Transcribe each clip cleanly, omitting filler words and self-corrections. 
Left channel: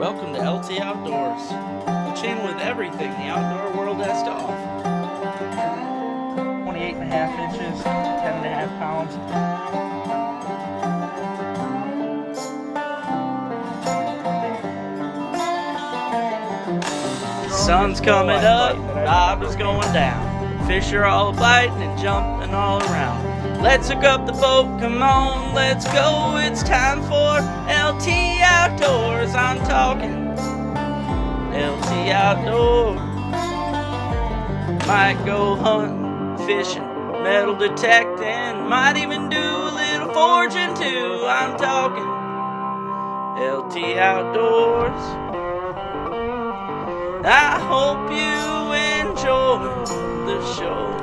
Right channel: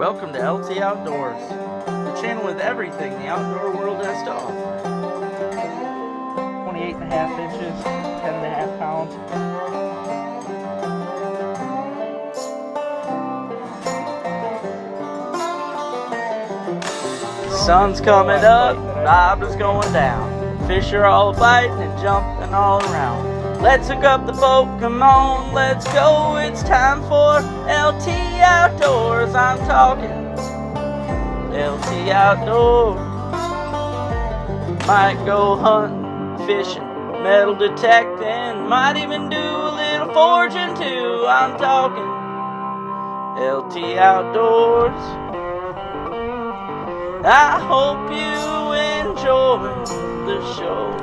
Welcome to LT Outdoors, the channel with everything the outdoor world has to offer. 28.5 inches, 10.5 pounds. Sun's coming up, vibe is going down. Fish are all biting and jumping all around. Let's hook up the boat, come on, let's go. It's time for LT Outdoors. I'm talking LT Outdoors. Might go hunting, fishing, metal detecting, might even do a little foraging too. I'm talking LT Outdoors. I hope you enjoy the show.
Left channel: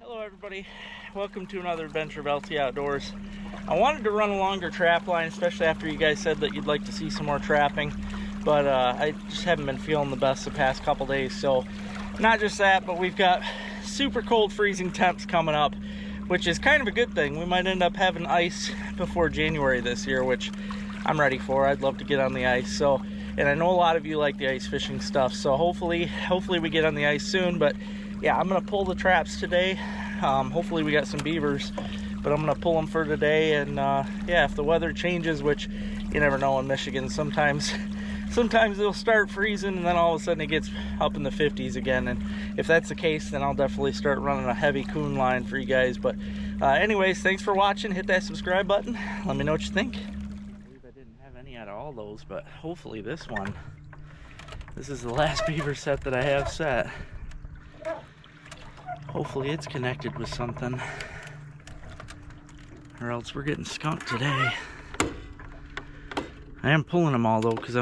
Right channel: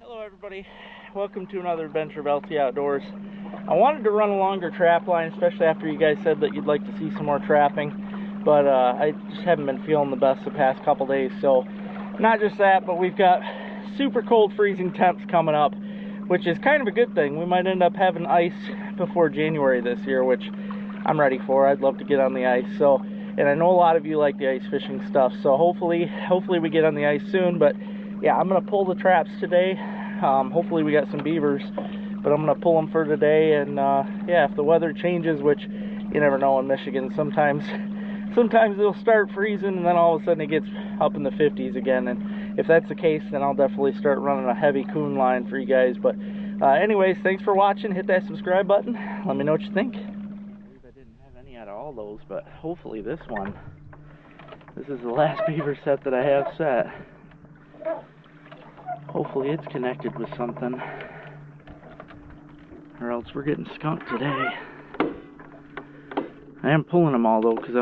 Hello everybody, welcome to another adventure of LT Outdoors. I wanted to run a longer trap line, especially after you guys said that you'd like to see some more trapping, but I just haven't been feeling the best the past couple days. So not just that, but we've got super cold freezing temps coming up, which is kind of a good thing. We might end up having ice before January this year, which I'm ready for. I'd love to get on the ice. So, and I know a lot of you like the ice fishing stuff, so hopefully we get on the ice soon. But yeah, I'm gonna pull the traps today. Hopefully we got some beavers, but I'm gonna pull them for today. And yeah, if the weather changes, which you never know in Michigan, sometimes it'll start freezing and then all of a sudden it gets up in the 50s again. And if that's the case, then I'll definitely start running a heavy coon line for you guys. But anyways, thanks for watching. Hit that subscribe button. Let me know what you think. I didn't have any out of all those, but hopefully this is the last beaver set that I have set. Hopefully it's connected with something, or else we're getting skunked today. I am pulling them all though, because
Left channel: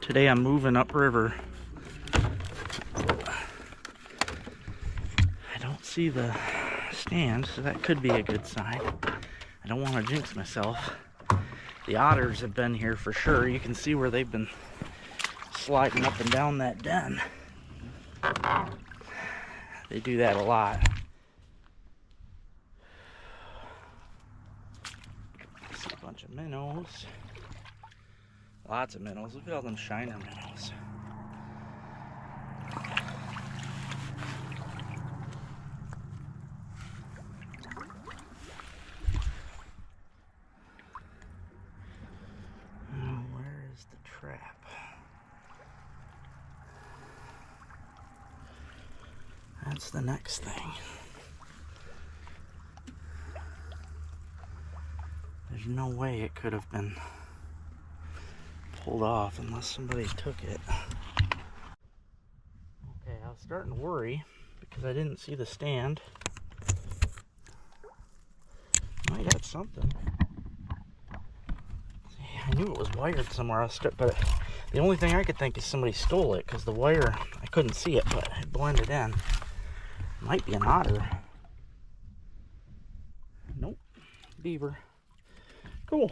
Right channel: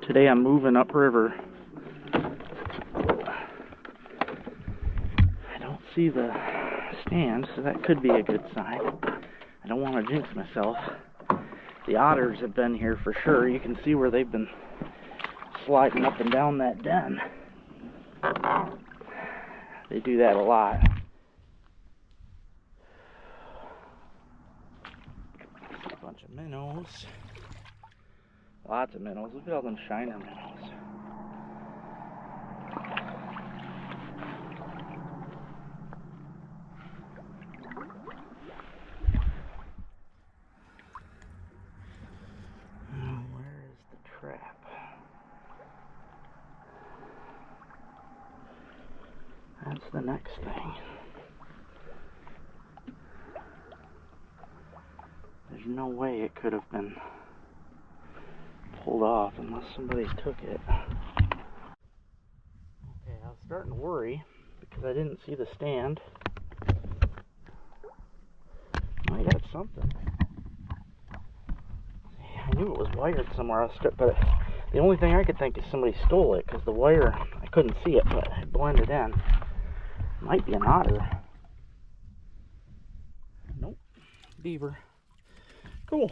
today I'm moving upriver. I don't see the stand, so that could be a good sign. I don't want to jinx myself. The otters have been here for sure. You can see where they've been sliding up and down that den. They do that a lot. I see a bunch of minnows. Lots of minnows. Look at all them shiner minnows. Where is the trap? That's the next thing. There's no way it could have been pulled off unless somebody took it. Okay, I was starting to worry because I didn't see the stand. I got something. See, I knew it was wired somewhere else, but the only thing I could think is somebody stole it because the wire, I couldn't see it, but it blended in. Might be an otter. Nope. Beaver. Cool.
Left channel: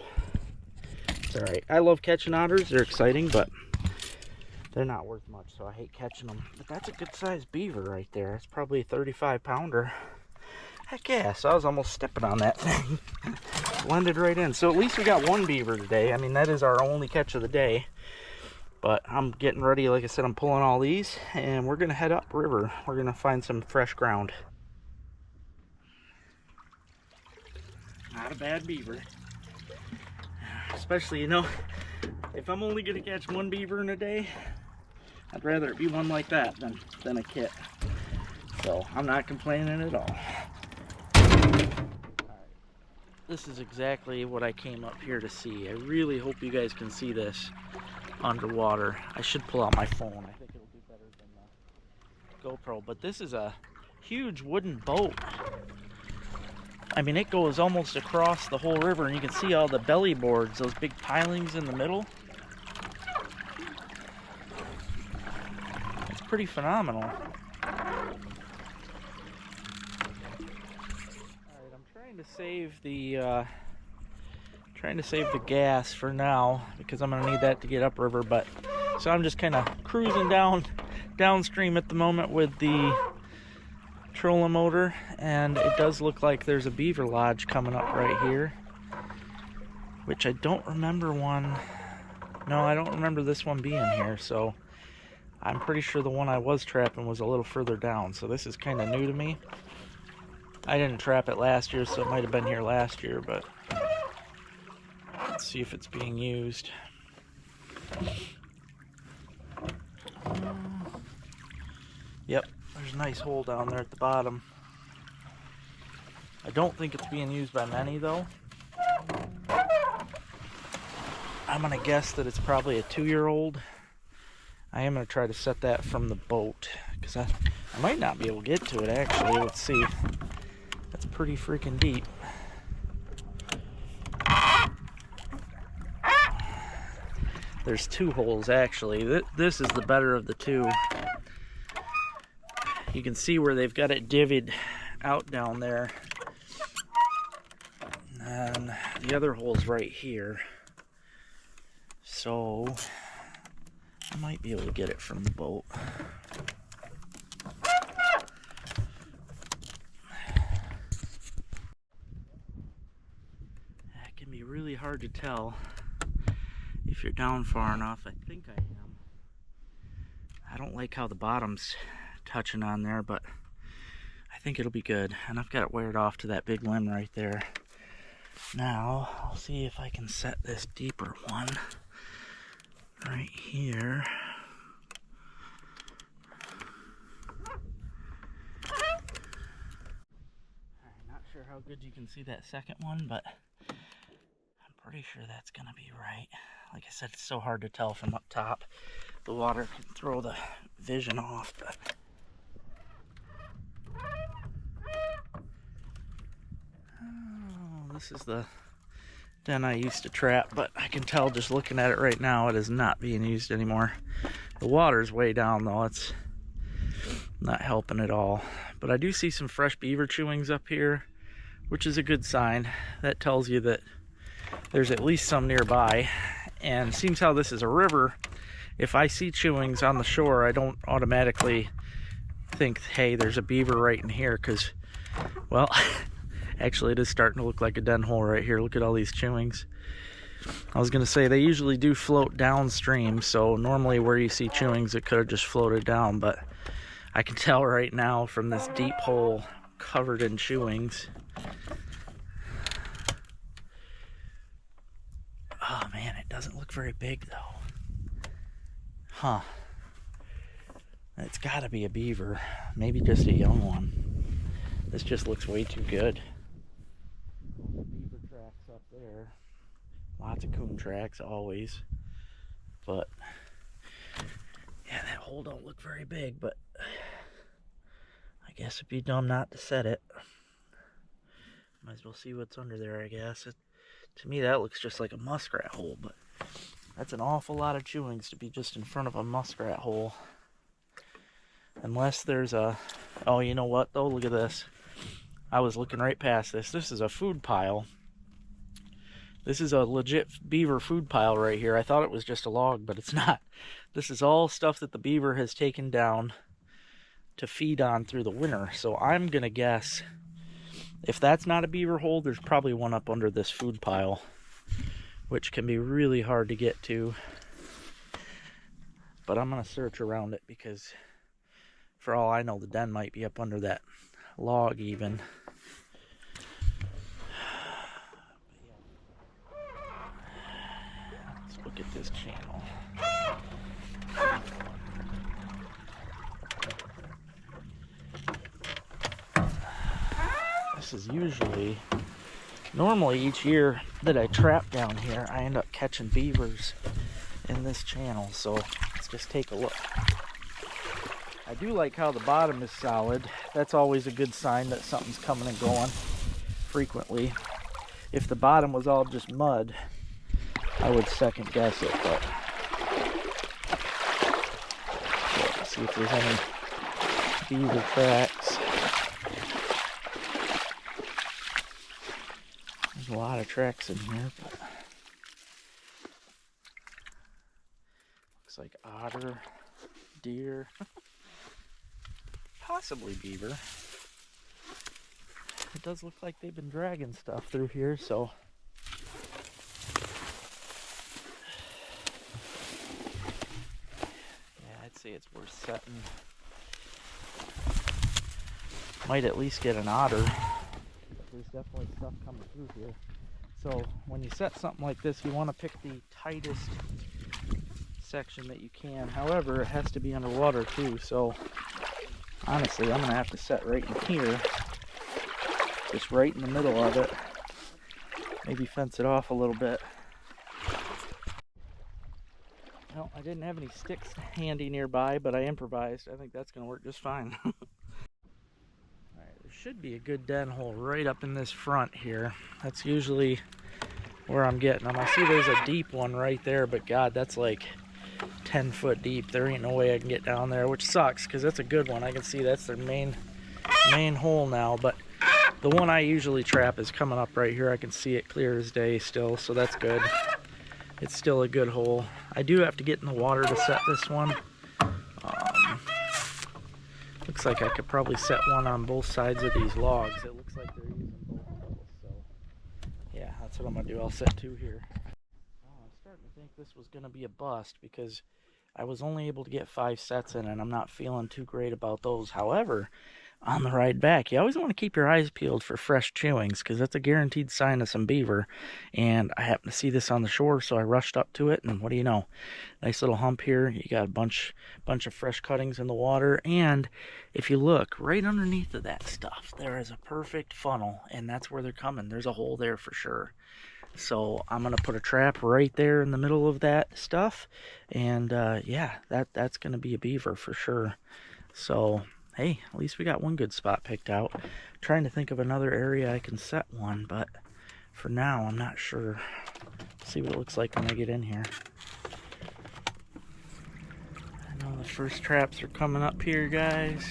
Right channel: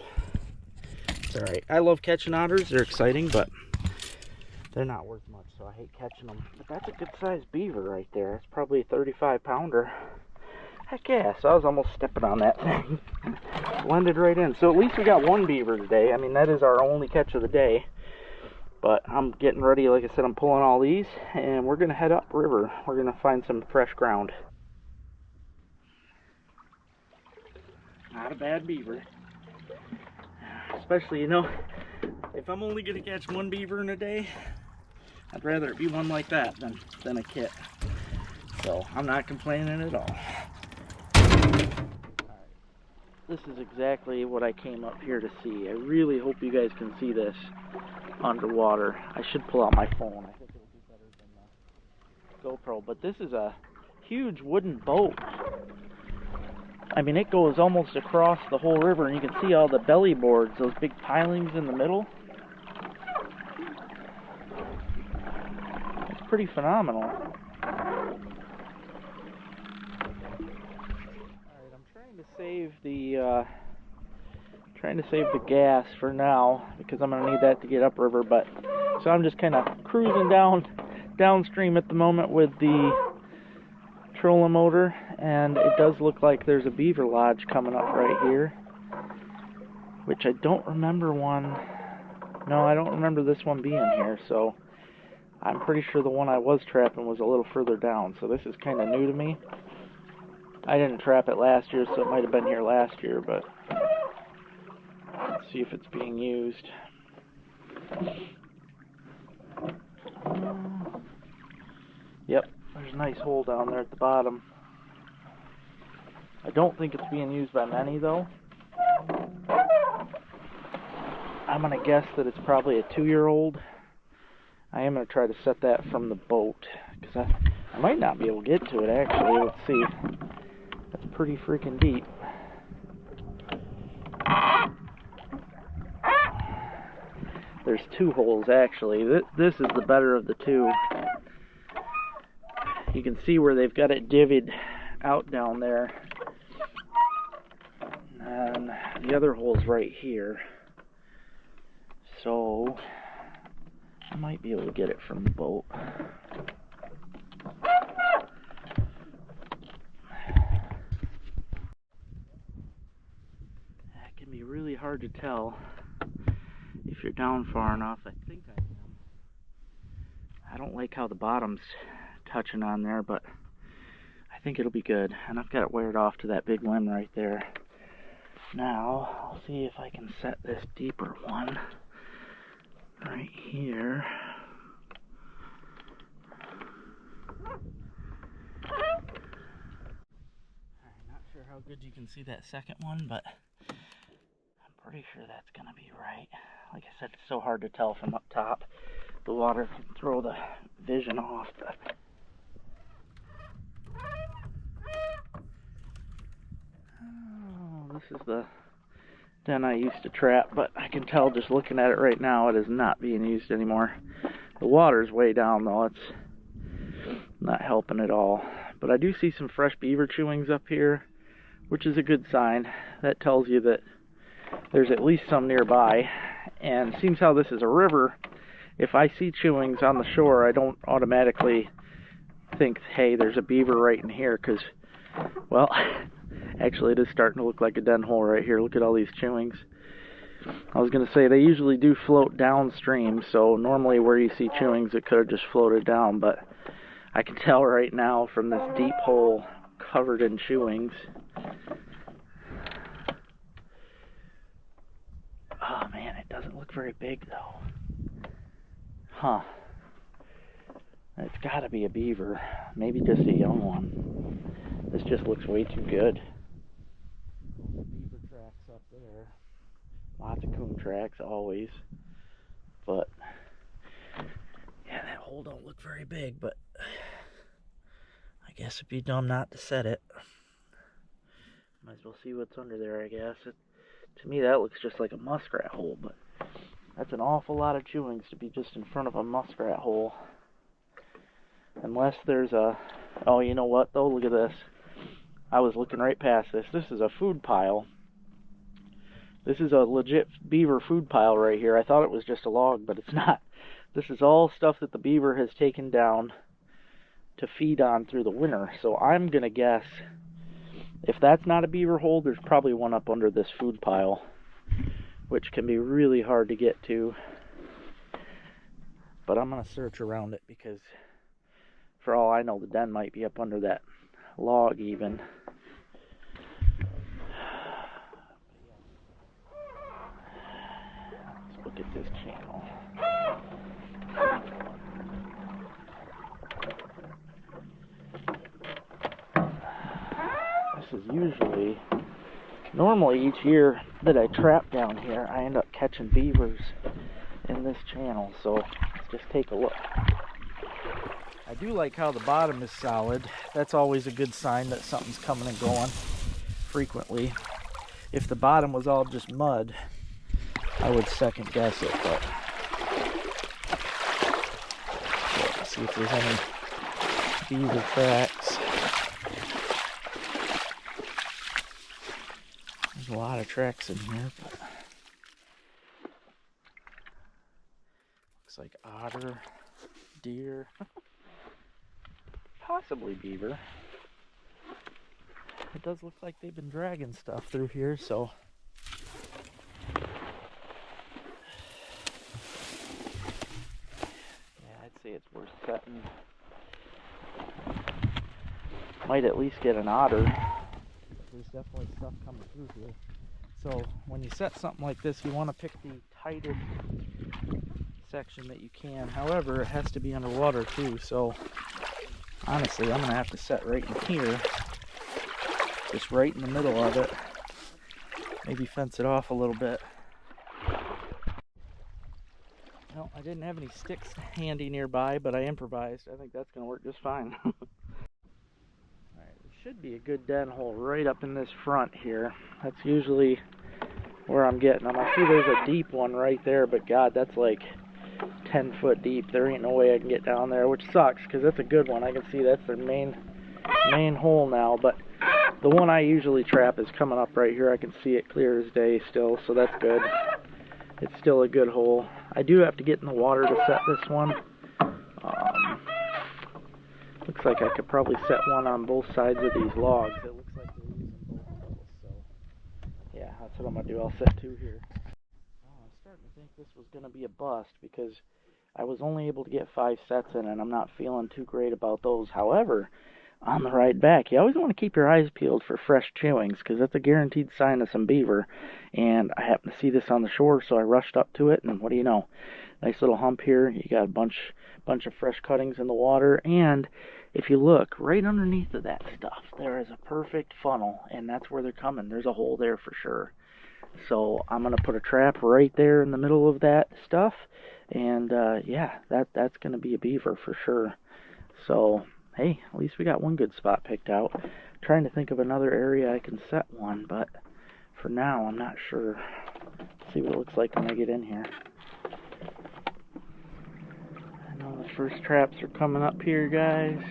It's alright. I love catching otters. They're exciting, but they're not worth much, so I hate catching them. But that's a good sized beaver right there. It's probably a 35 pounder. Heck yeah, so I was almost stepping on that thing. Blended right in. So at least we got one beaver today. I mean, that is our only catch of the day. But I'm getting ready. Like I said, I'm pulling all these, and we're going to head upriver. We're going to find some fresh ground. Not a bad beaver. Especially, you know, if I'm only going to catch one beaver in a day, I'd rather it be one like that than a kit. So I'm not complaining at all. Alright, this is exactly what I came up here to see. I really hope you guys can see this underwater. I should pull out my phone. I think it would be better than the GoPro. But this is a huge wooden boat. I mean, it goes almost across the whole river, and you can see all the belly boards, those big pilings in the middle. It's pretty phenomenal. Alright, I'm trying to save the gas for now because I'm gonna need that to get upriver. But so I'm just kind of cruising downstream at the moment with the trolling motor, and it does look like there's a beaver lodge coming up right here, which I don't remember one. No, I don't remember this one being here, so I'm pretty sure the one I was trapping was a little further down, so this is kind of new to me. I didn't trap it last year, so it might have been here last year, but let's see if it's being used. Yep, there's a nice hole down there at the bottom. I don't think it's being used by many, though. I'm going to guess that it's probably a 2-year-old. I am going to try to set that from the boat, because I might not be able to get to it, actually. Let's see. That's pretty freaking deep. There's 2 holes, actually. This is the better of the 2. You can see where they've got it divvied out down there. And the other hole's right here. So I might be able to get it from the boat. It can be really hard to tell if you're down far enough. I think I am. I don't like how the bottom's touching on there, but I think it'll be good. And I've got it wired off to that big limb right there. Now I'll see if I can set this deeper one right here. Alright, not sure how good you can see that second one, but I'm pretty sure that's gonna be right. Like I said, it's so hard to tell from up top. The water can throw the vision off, but oh, this is the den I used to trap, but I can tell just looking at it right now it is not being used anymore. The water's way down though, it's not helping at all. But I do see some fresh beaver chewings up here, which is a good sign. That tells you that there's at least some nearby. And seems how this is a river, if I see chewings on the shore, I don't automatically think, hey, there's a beaver right in here, because, well, actually it is starting to look like a den hole right here. Look at all these chewings. I was going to say, they usually do float downstream, so normally where you see chewings, it could have just floated down, but I can tell right now from this deep hole covered in chewings. Oh man, it doesn't look very big though. Huh. It's gotta be a beaver. Maybe just a young one. This just looks way too good. Beaver tracks up there. Lots of coon tracks always. But yeah, that hole don't look very big, but I guess it'd be dumb not to set it. Might as well see what's under there, I guess. To me, that looks just like a muskrat hole, but that's an awful lot of chewings to be just in front of a muskrat hole. Unless there's a... Oh, you know what, though? Look at this. I was looking right past this. This is a food pile. This is a legit beaver food pile right here. I thought it was just a log, but it's not. This is all stuff that the beaver has taken down to feed on through the winter. So I'm going to guess, if that's not a beaver hole, there's probably one up under this food pile, which can be really hard to get to. But I'm going to search around it, because for all I know, the den might be up under that log even. Let's look at this channel. This is usually, normally each year that I trap down here, I end up catching beavers in this channel, so let's just take a look. I do like how the bottom is solid. That's always a good sign that something's coming and going frequently. If the bottom was all just mud, I would second guess it, but let's see if there's any beaver tracks. There's a lot of tracks in here, but looks like otter, deer, possibly beaver. it does look like they've been dragging stuff through here, so yeah, I'd say it's worth setting. Might at least get an otter. There's definitely stuff coming through here. So when you set something like this, you want to pick the tightest section that you can. However, it has to be underwater too, so honestly, I'm gonna have to set right in here, just right in the middle of it. Maybe fence it off a little bit. Well, I didn't have any sticks handy nearby, but I improvised. I think that's gonna work just fine. Alright, there should be a good den hole right up in this front here. That's usually where I'm getting them. I see there's a deep one right there, but God, that's like 10 foot deep. There ain't no way I can get down there, which sucks because that's a good one. I can see that's their main hole now, but the one I usually trap is coming up right here. I can see it clear as day still, so that's good. It's still a good hole. I do have to get in the water to set this one. Looks like I could probably set one on both sides of these logs. It looks like they're using both of those, so yeah, that's what I'm gonna do. I'll set two here. I'm starting to think this was gonna be a bust because I was only able to get 5 sets in, and I'm not feeling too great about those. However, on the ride back, you always want to keep your eyes peeled for fresh chewings because that's a guaranteed sign of some beaver. And I happened to see this on the shore, so I rushed up to it, and what do you know? Nice little hump here. You got a bunch of fresh cuttings in the water, and if you look right underneath of that stuff, there is a perfect funnel, and that's where they're coming. There's a hole there for sure. So I'm gonna put a trap right there in the middle of that stuff, and yeah, that's gonna be a beaver for sure. So hey, at least we got one good spot picked out. I'm trying to think of another area I can set one, but for now I'm not sure. See what it looks like when I get in here. I know the first traps are coming up here, guys.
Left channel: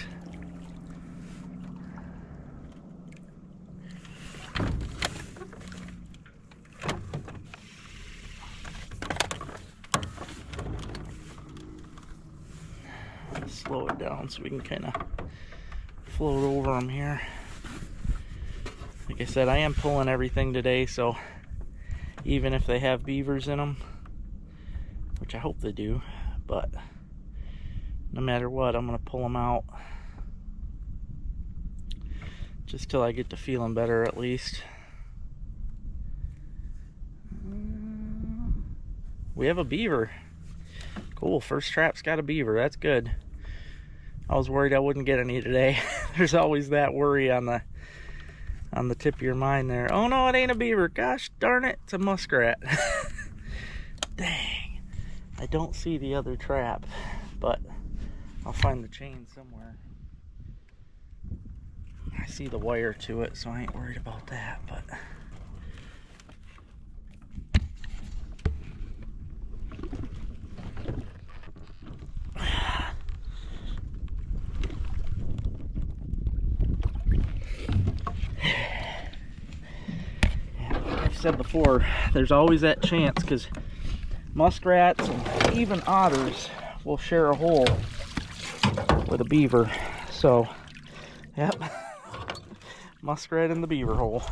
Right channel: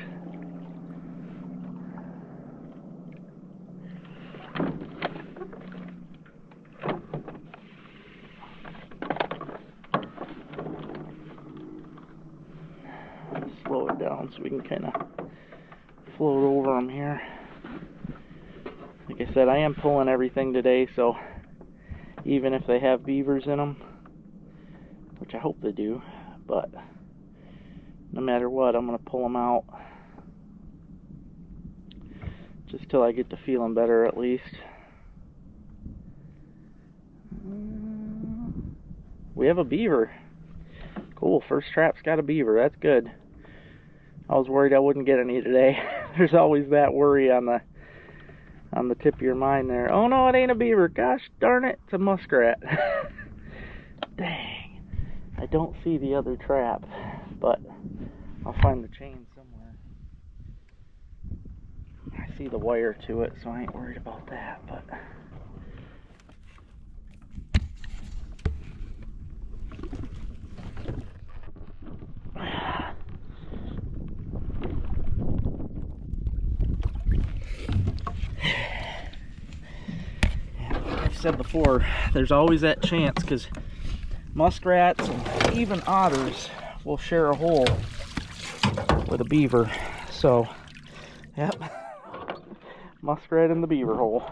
Slow it down so we can kind of float over them here. Like I said, I am pulling everything today, so even if they have beavers in them, which I hope they do, but no matter what, I'm going to pull them out just till I get to feeling better at least. We have a beaver. Cool, first trap's got a beaver. That's good. I was worried I wouldn't get any today. There's always that worry on the tip of your mind there. Oh no, it ain't a beaver. Gosh darn it, it's a muskrat. Dang. I don't see the other trap, but I'll find the chain somewhere. I see the wire to it, so I ain't worried about that, but said before, there's always that chance because muskrats and even otters will share a hole with a beaver. So, yep, muskrat in the beaver hole.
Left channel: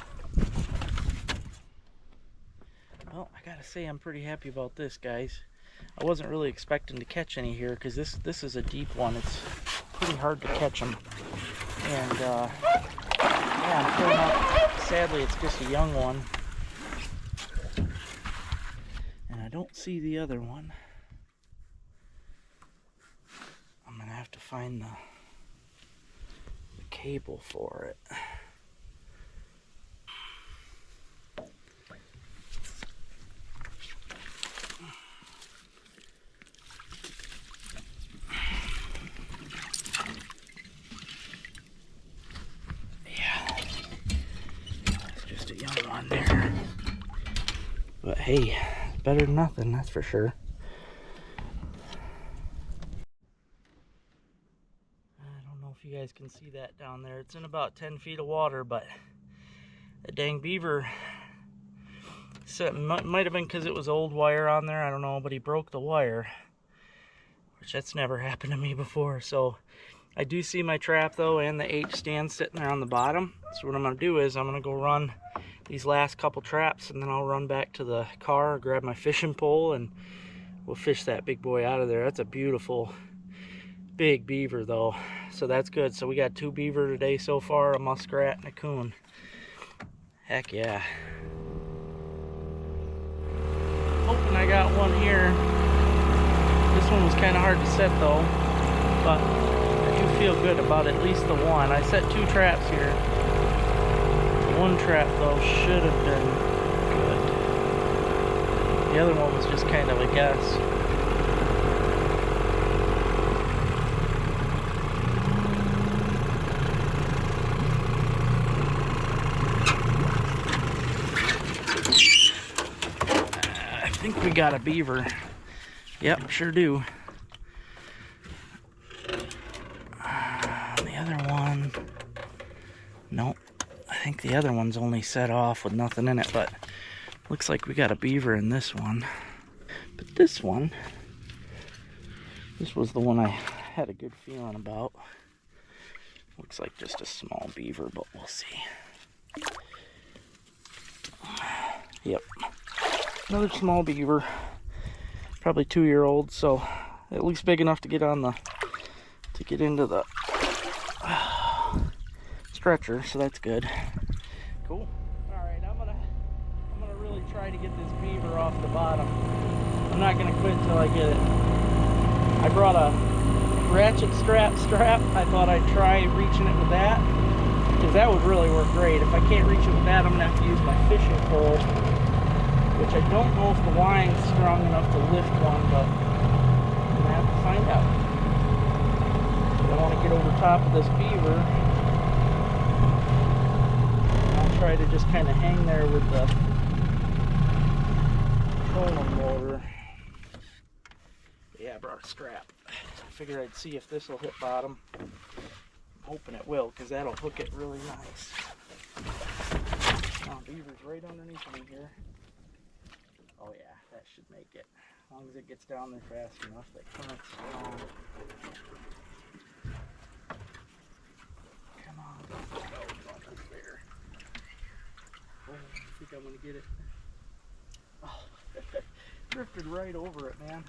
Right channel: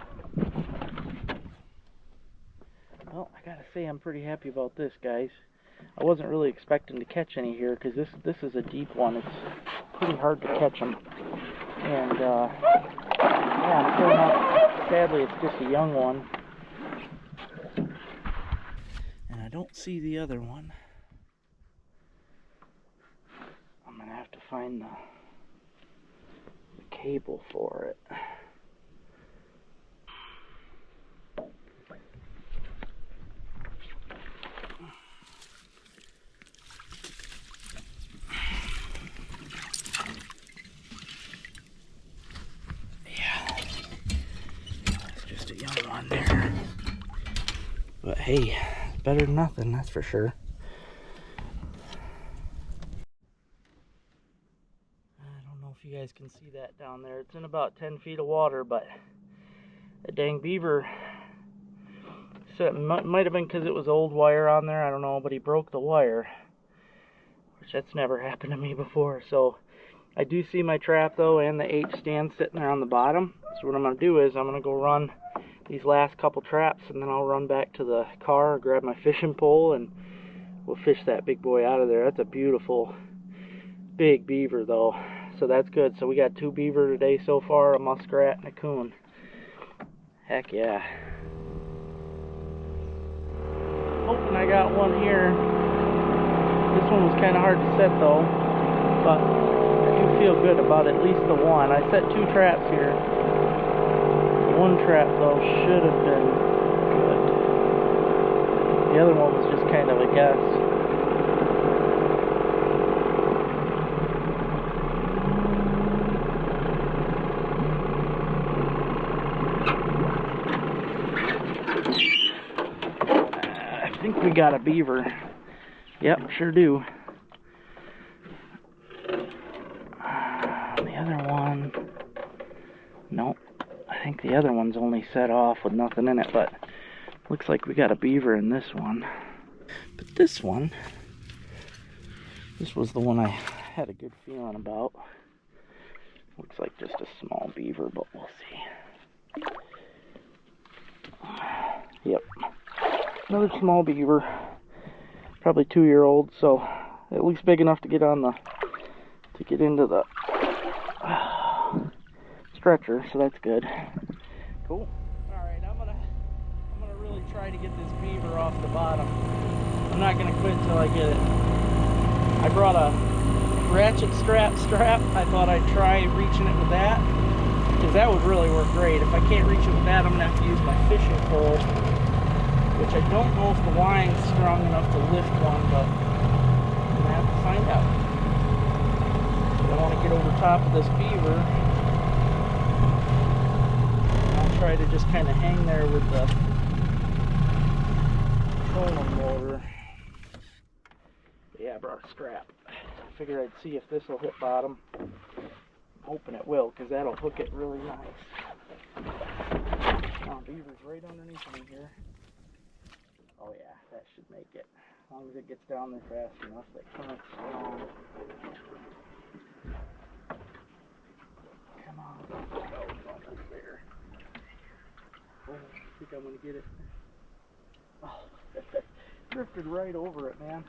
Well, I gotta say I'm pretty happy about this, guys. I wasn't really expecting to catch any here because this is a deep one. It's pretty hard to catch them. And yeah, I'm pulling up. Sadly, it's just a young one. I don't see the other one. I'm gonna have to find the cable for it. Yeah, it's just a young one there. But hey, better than nothing, that's for sure. I don't know if you guys can see that down there. It's in about 10 feet of water, but the dang beaver might have been because it was old wire on there, I don't know, but he broke the wire, which that's never happened to me before. So I do see my trap though and the H stand sitting there on the bottom. So what I'm going to do is I'm going to go run these last couple traps, and then I'll run back to the car, grab my fishing pole, and we'll fish that big boy out of there. That's a beautiful big beaver though, so that's good. So we got 2 beaver today so far, a muskrat and a coon. Heck yeah. Hoping I got one here. This one was kind of hard to set though, but I do feel good about at least the one. I set 2 traps here. One trap though should have been good. The other one was just kind of a guess. I think we got a beaver. Yep, sure do. The other one, nope. I think the other one's only set off with nothing in it, but looks like we got a beaver in this one. But this one, this was the one I had a good feeling about. Looks like just a small beaver, but we'll see. Yep, another small beaver, probably 2-year-old, so at least big enough to get on the, to get into the stretcher, so that's good. Cool. Alright, I'm gonna really try to get this beaver off the bottom. I'm not gonna quit till I get it. I brought a ratchet strap. I thought I'd try reaching it with that, because that would really work great. If I can't reach it with that, I'm gonna have to use my fishing pole, which I don't know if the line's strong enough to lift one, but I'm gonna have to find out. But I want to get over top of this beaver. Try to just kind of hang there with the trolling motor. Yeah, I brought a strap. I figured I'd see if this will hit bottom. I'm hoping it will, because that'll hook it really nice. Oh, beaver's right underneath me here. Oh yeah, that should make it. As long as it gets down there fast enough, that current's strong. Come on, let's go. It's almost there. Oh, I think I'm gonna get it. Oh, drifted right over it, man.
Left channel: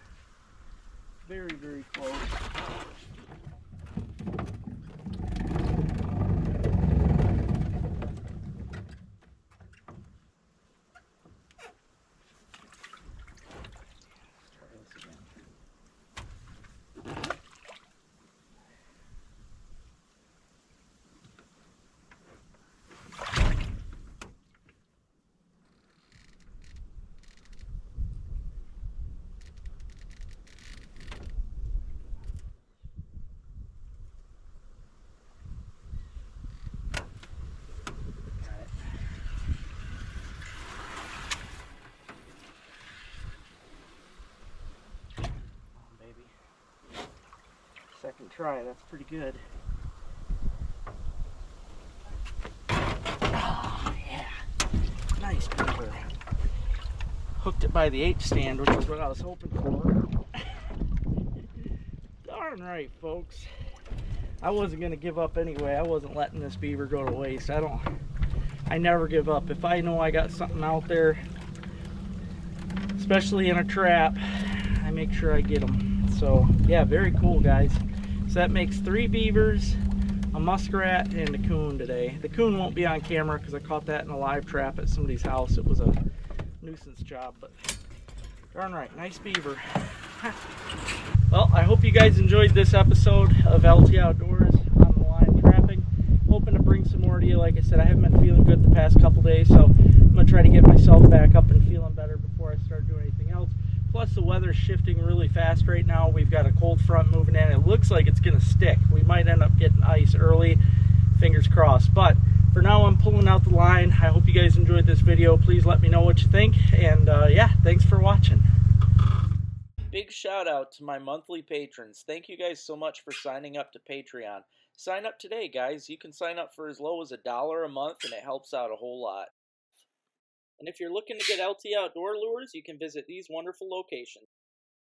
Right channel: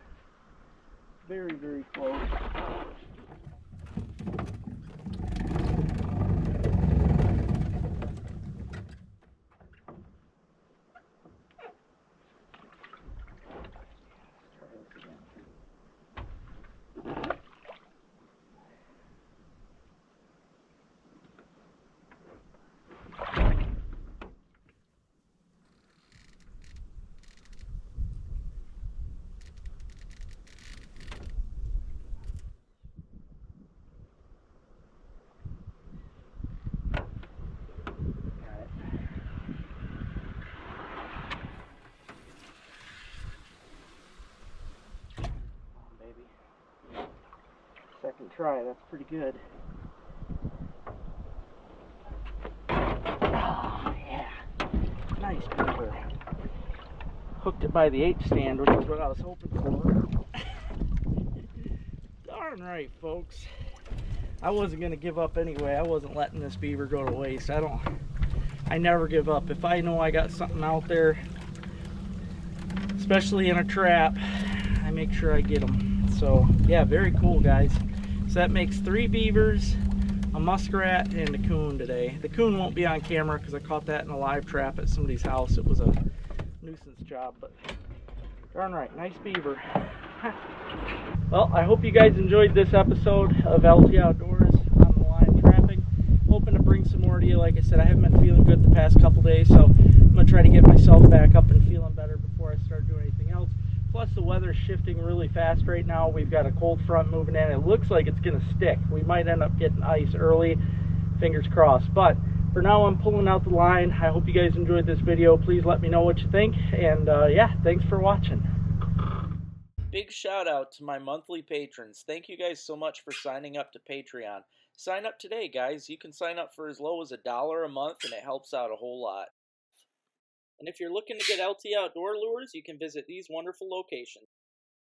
Very, very close. Second try, that's pretty good. Oh, yeah. Nice beaver. Hooked it by the H stand, which is what I was hoping for. Darn right, folks. I wasn't going to give up anyway. I wasn't letting this beaver go to waste. I never give up. If I know I got something out there, especially in a trap, I make sure I get them. So, yeah, very cool, guys. So that makes 3 beavers, a muskrat, and a coon today. The coon won't be on camera because I caught that in a live trap at somebody's house. It was a nuisance job, but darn right, nice beaver. Well, I hope you guys enjoyed this episode of LT Outdoors on the line trapping. Hoping to bring some more to you. Like I said, I haven't been feeling good the past couple days, so I'm going to try to get myself back up and feeling better before I start doing anything else. Plus, the weather's shifting really fast right now. We've got a cold front moving in. It looks like it's going to stick. We might end up getting ice early. Fingers crossed. But for now, I'm pulling out the line. I hope you guys enjoyed this video. Please let me know what you think. And yeah, thanks for watching. Big shout out to my monthly patrons. Thank you guys so much for signing up to Patreon. Sign up today, guys. You can sign up for as low as $1 a month, and it helps out a whole lot. And if you're looking to get LT Outdoor lures, you can visit these wonderful locations.